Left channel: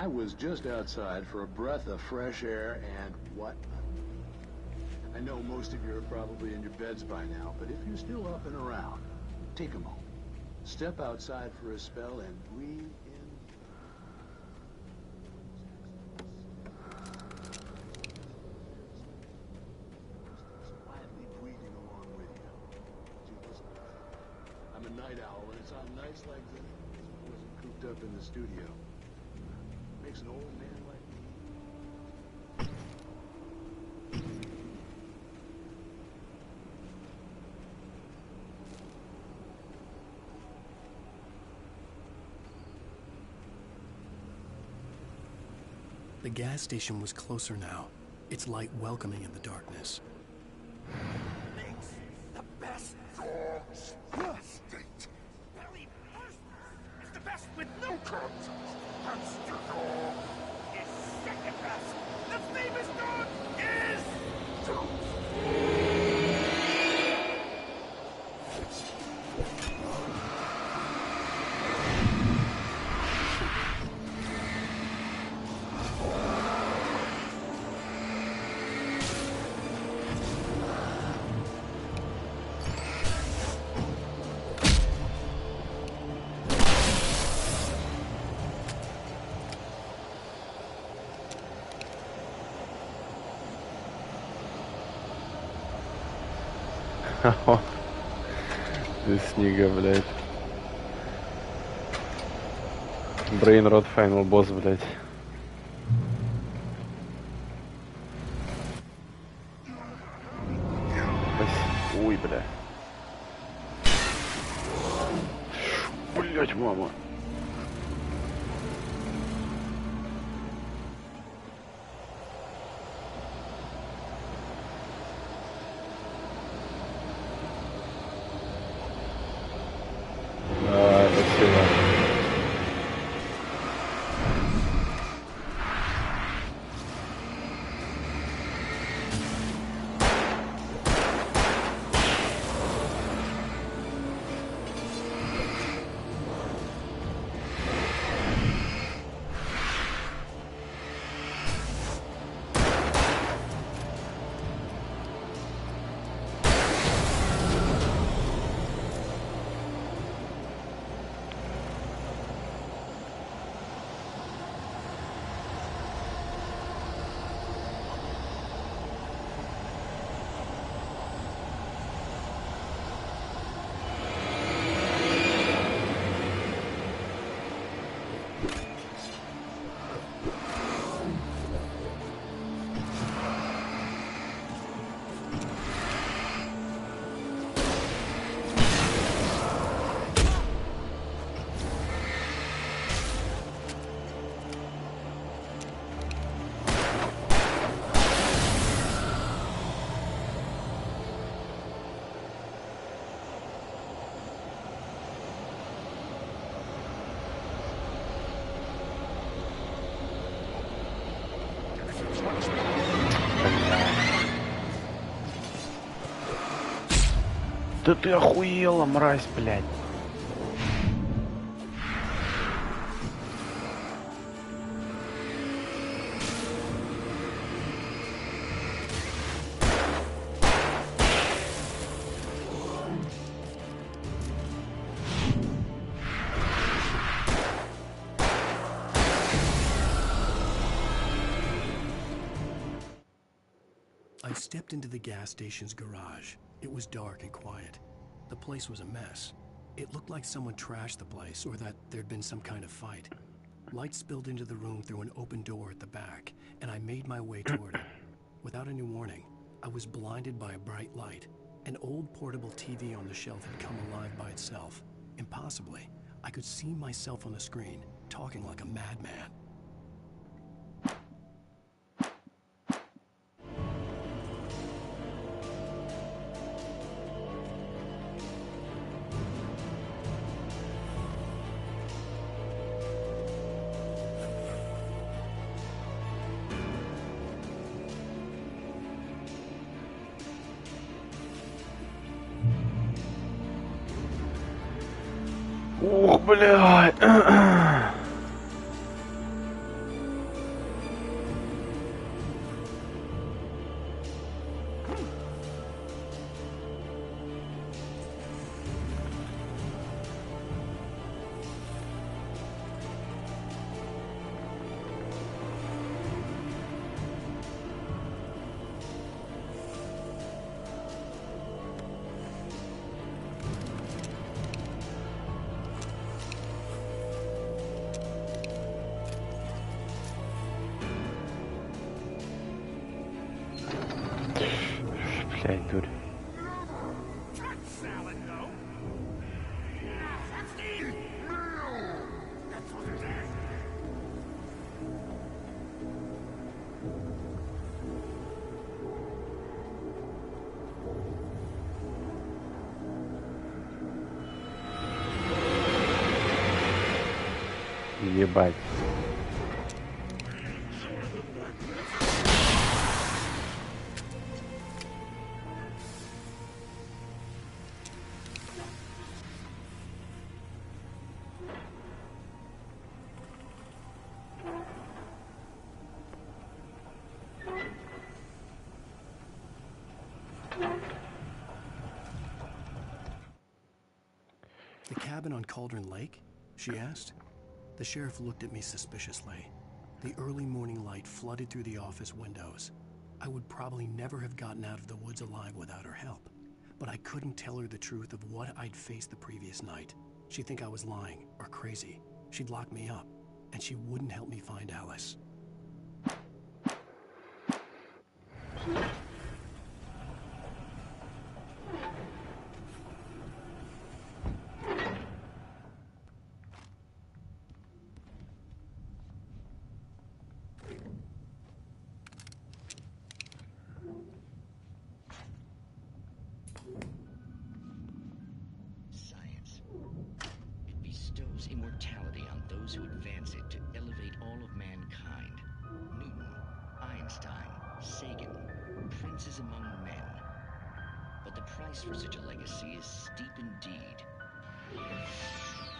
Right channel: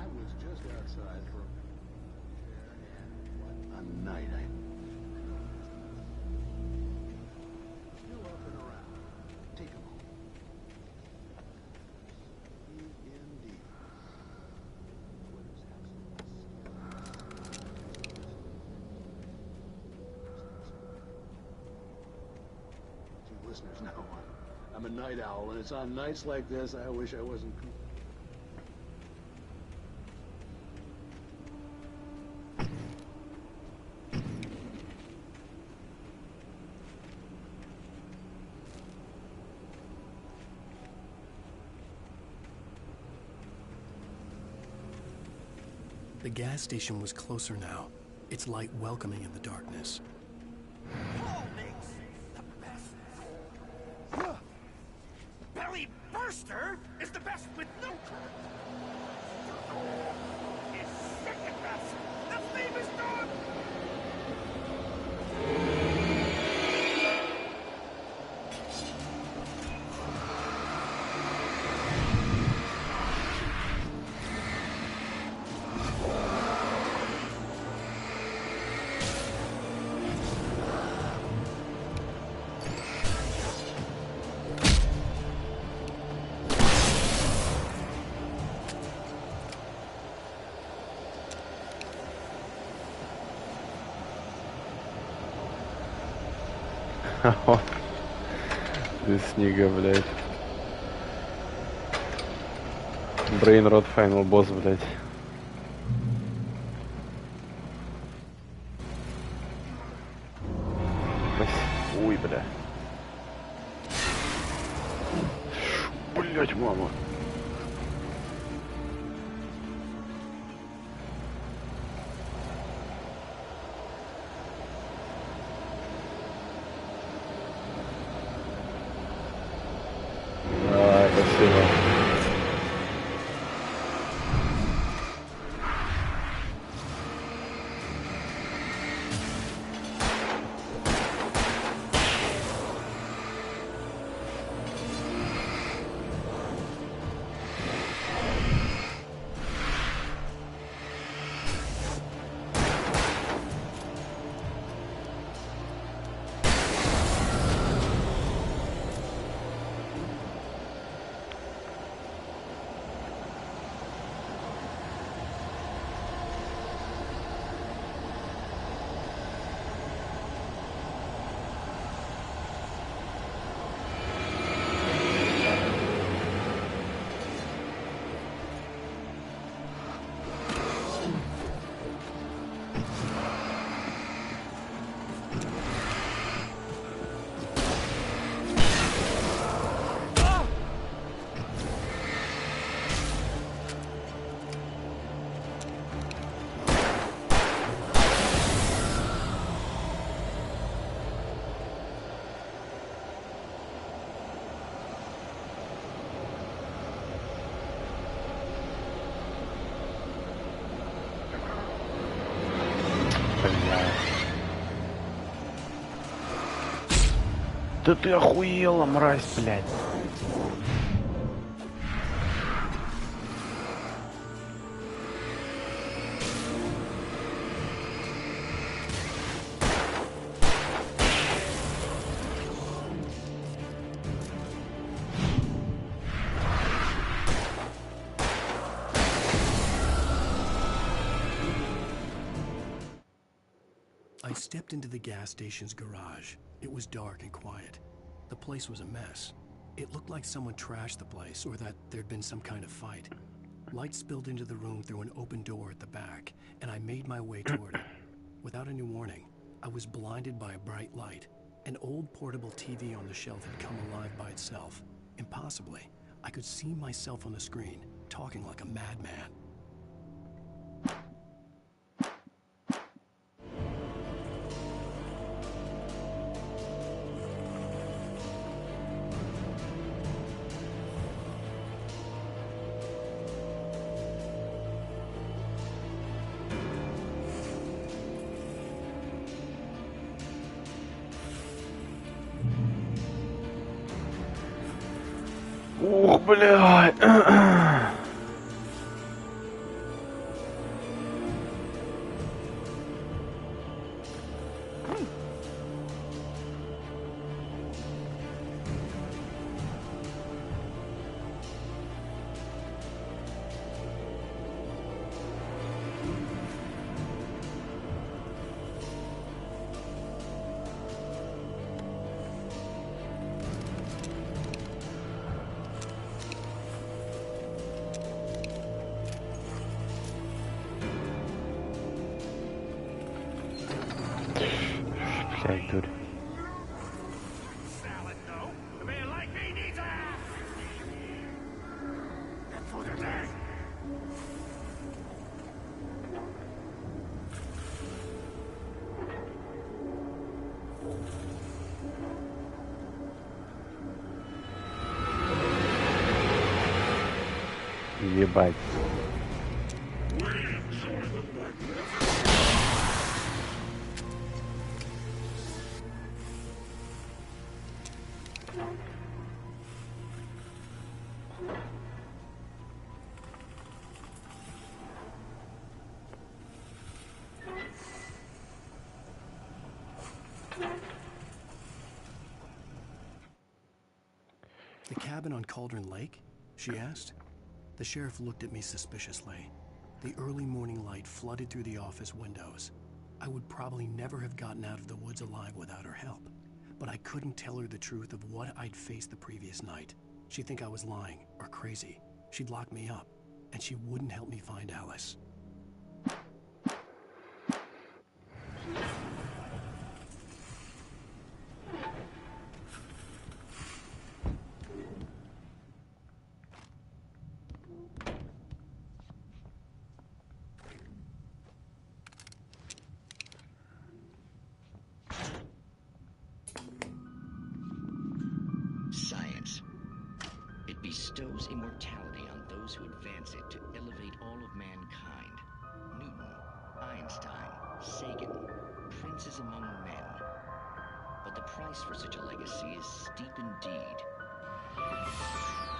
I was just outside for a breath of fresh air, and what a night. I know most of you are probably in your beds by now, but if you're still up and around, take a moment. Step outside for a spell and breathe in deep. Listeners know I'm a night owl, and it's on nights like this I wish I wasn't cooped up in the studio. Makes an old man like The gas station was closer now, its light welcoming in the darkness. Belly Burster is the best with no cut. Monster Dog is second best. The famous dog is... Без снега, блядь. Брейнрод Final Boss, блядь. Ой, бля. Блядь, мама. Давай, спасибо. Да ты охуела, мразь, блядь. I stepped into the gas station's garage. It was dark and quiet. The place was a mess. It looked like someone trashed the place or that there'd been some kind of fight. Light spilled into the room through an open door at the back, and I made my way toward it. Without any warning, I was blinded by a bright light. An old portable TV on the shelf had come alive by itself. Impossibly, I could see myself on the screen, talking like a madman. Ух, блядь. Опять дурь. Salad, though. Man like me needs a Steve. That's for the day. Ебать. The cabin on Cauldron Lake? She asked. The sheriff looked at me suspiciously. The early morning light flooded through the office windows. I would probably never have gotten out of the woods alive without her help. But I couldn't tell her the truth of what I'd faced the previous night. She'd think I was lying or crazy. She'd lock me up, and she wouldn't help me find Alice. Science. It bestows immortality on those who advance it to elevate all of mankind. Newton, Einstein, Sagan, princes among men. But the price for such a legacy is steep indeed.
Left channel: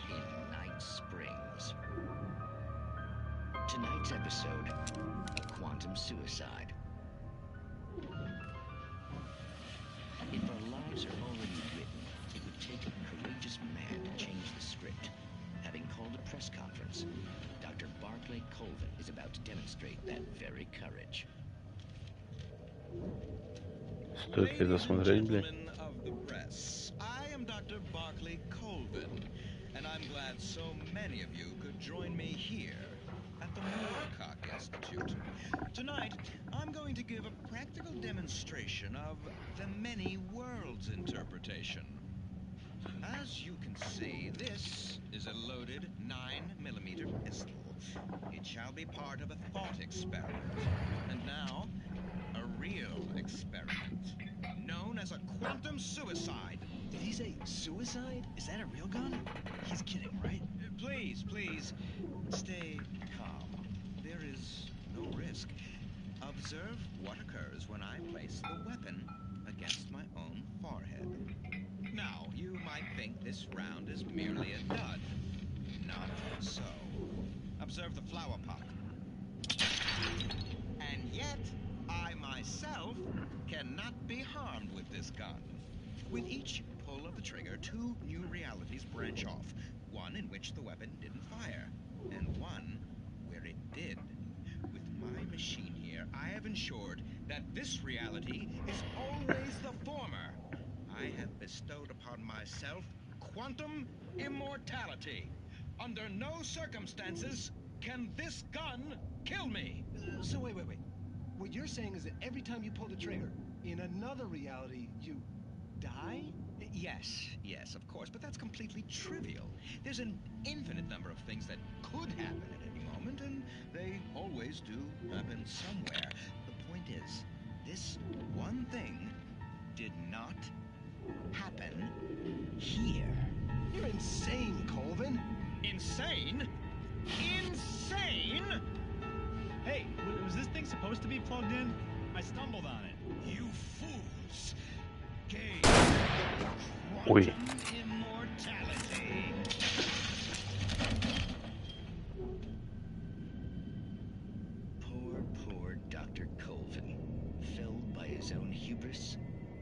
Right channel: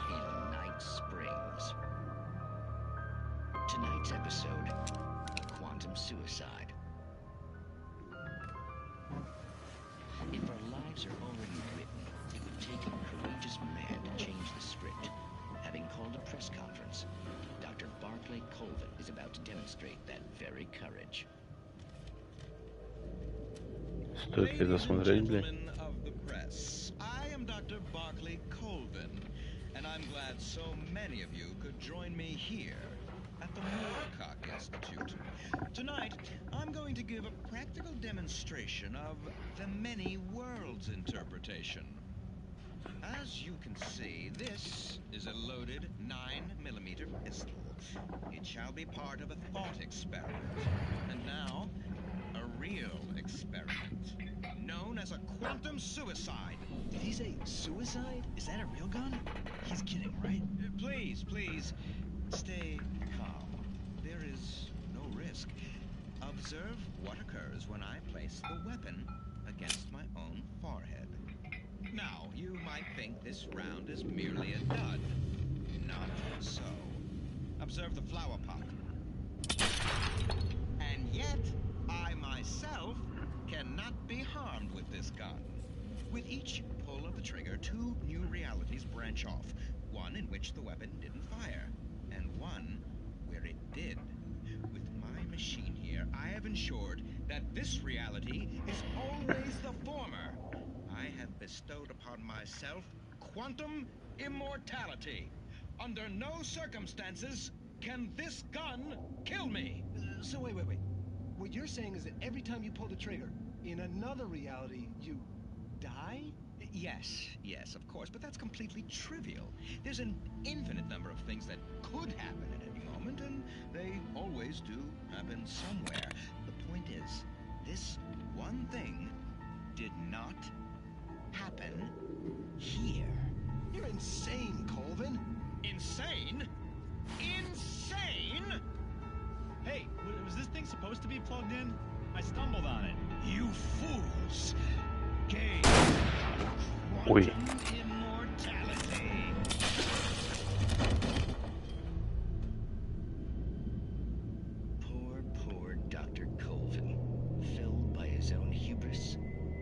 In Night Springs. Tonight's episode, a quantum suicide. If our lives are already written, it would take a courageous man to change the script. Having called a press conference, Dr. Barclay Colvin is about to demonstrate that very courage. Стоит ли досмотреть, блядь? Gentlemen of the press, I am Dr. Barclay Colvin, and I'm glad so many of you could join me here at the Moorcock Institute. Tonight, I'm going to give a practical demonstration of the many worlds interpretation. As you can see, this is a loaded 9mm pistol. It shall be part of a thought experiment. And now, a real experiment, known as a quantum suicide. Did he say suicide? Is that a real gun? He's kidding, right? Please, stay calm. There is no risk. Observe what occurs when I place the weapon against my own forehead. Now, you might think this round is merely a dud. Not so. Observe the flower pot. And yet, I myself cannot be harmed with this gun. With each pull of the trigger, two new realities branch off. One in which the weapon didn't fire, and one where it did. With my machine here, I have ensured that this reality is always the former. I have bestowed upon myself quantum immortality. Under no circumstances can this gun kill me. So wait. What you're saying is that every time you pull the trigger, in another reality, you die? Yes, of course, but that's completely trivial. There's an infinite number of things that could happen at any moment, and they always do happen somewhere. The point is, this one thing did not happen here. You're insane, Colvin. Insane? Insane? Hey, was this thing supposed to be plugged in? I stumbled on it. You fools! Gain Ой. quantum immortality. Poor Dr. Colvin, felled by his own hubris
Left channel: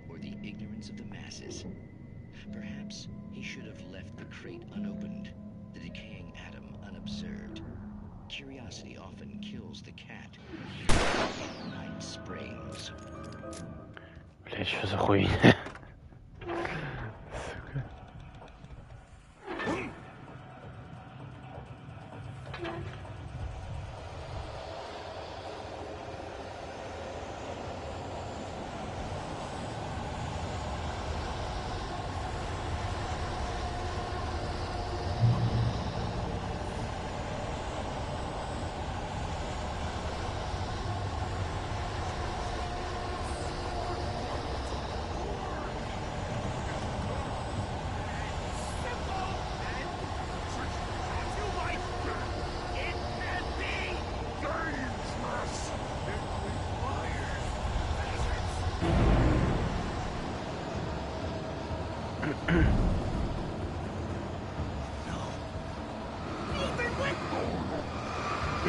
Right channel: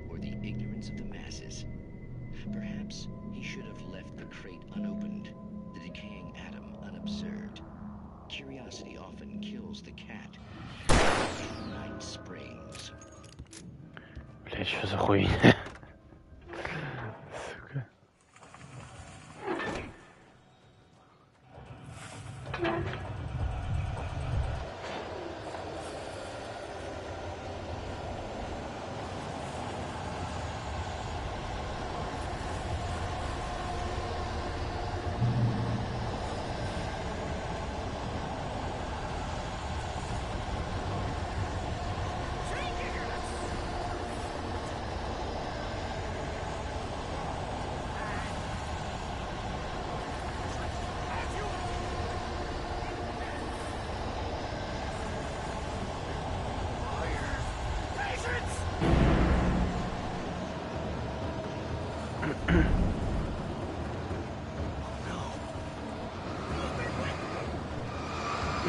or the ignorance of the masses. Perhaps he should have left the crate unopened, the decaying atom unobserved. Curiosity often kills the cat. In Night Springs. Блядь, что за хуйня? Сука.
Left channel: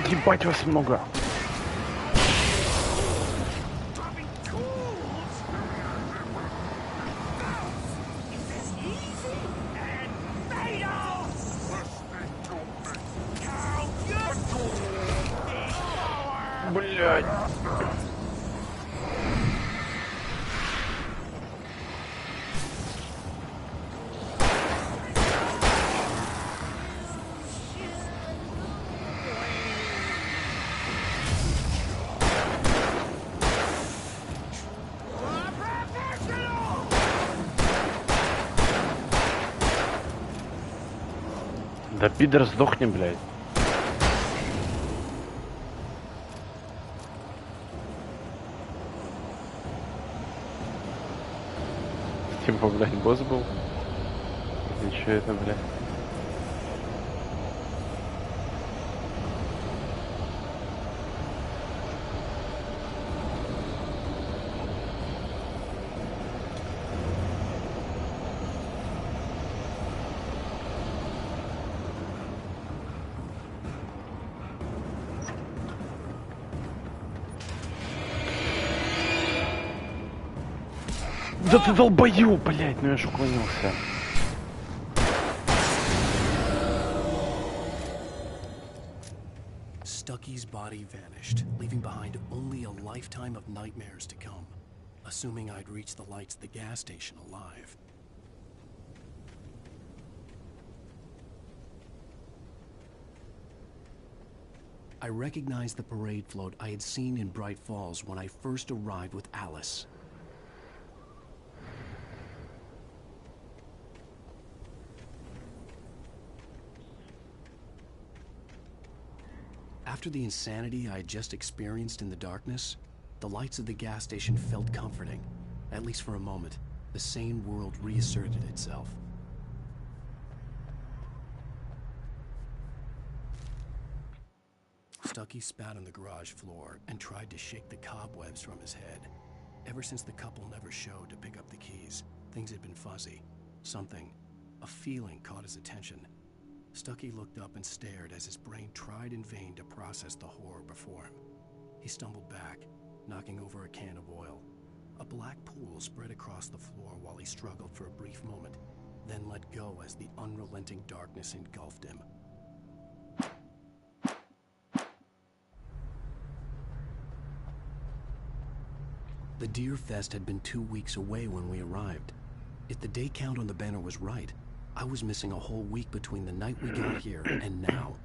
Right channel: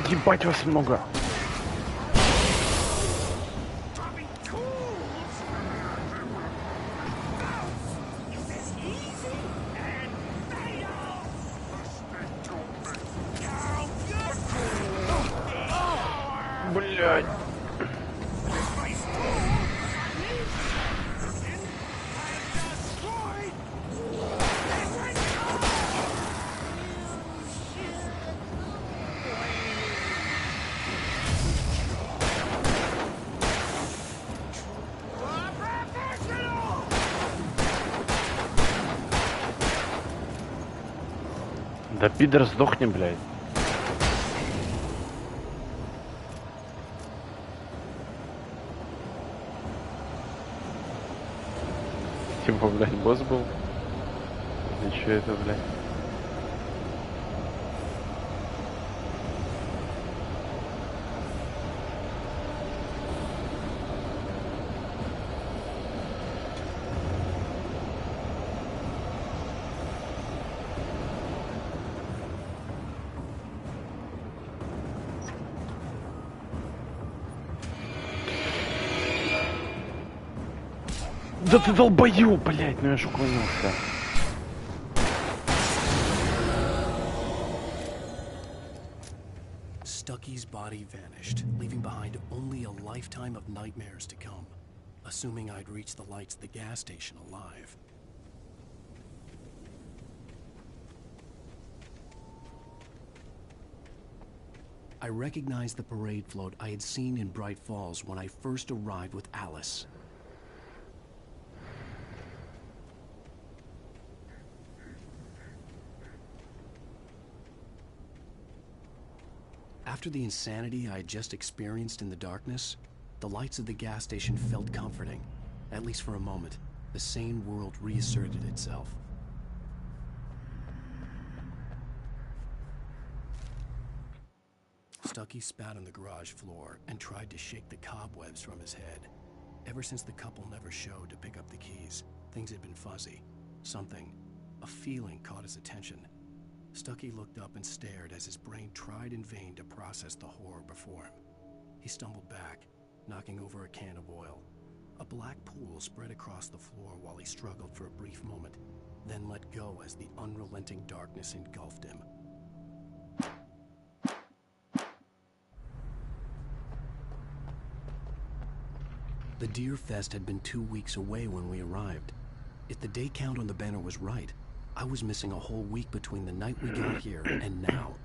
Ебать вас много. Dropping tools? Is this easy and fatal? Count your power! Блядь. Да пидор, сдохни, блядь. Типа, блядь, босс был? Или что это, блядь? Да ты долбоёб, блядь, ну я ж уклонился. Stucky's body vanished, leaving behind only a lifetime of nightmares to come, assuming I'd reached the lights at the gas station alive. I recognized the parade float I had seen in Bright Falls when I first arrived with Alice. After the insanity I had just experienced in the darkness, the lights of the gas station felt comforting. At least for a moment, the sane world reasserted itself. Stucky spat on the garage floor and tried to shake the cobwebs from his head. Ever since the couple never showed to pick up the keys, things had been fuzzy. Something, a feeling caught his attention. Stucky looked up and stared as his brain tried in vain to process the horror before him. He stumbled back, knocking over a can of oil. A black pool spread across the floor while he struggled for a brief moment, then let go as the unrelenting darkness engulfed him. The Deer Fest had been 2 weeks away when we arrived. If the day count on the banner was right, I was missing a whole week between the night we got here and now.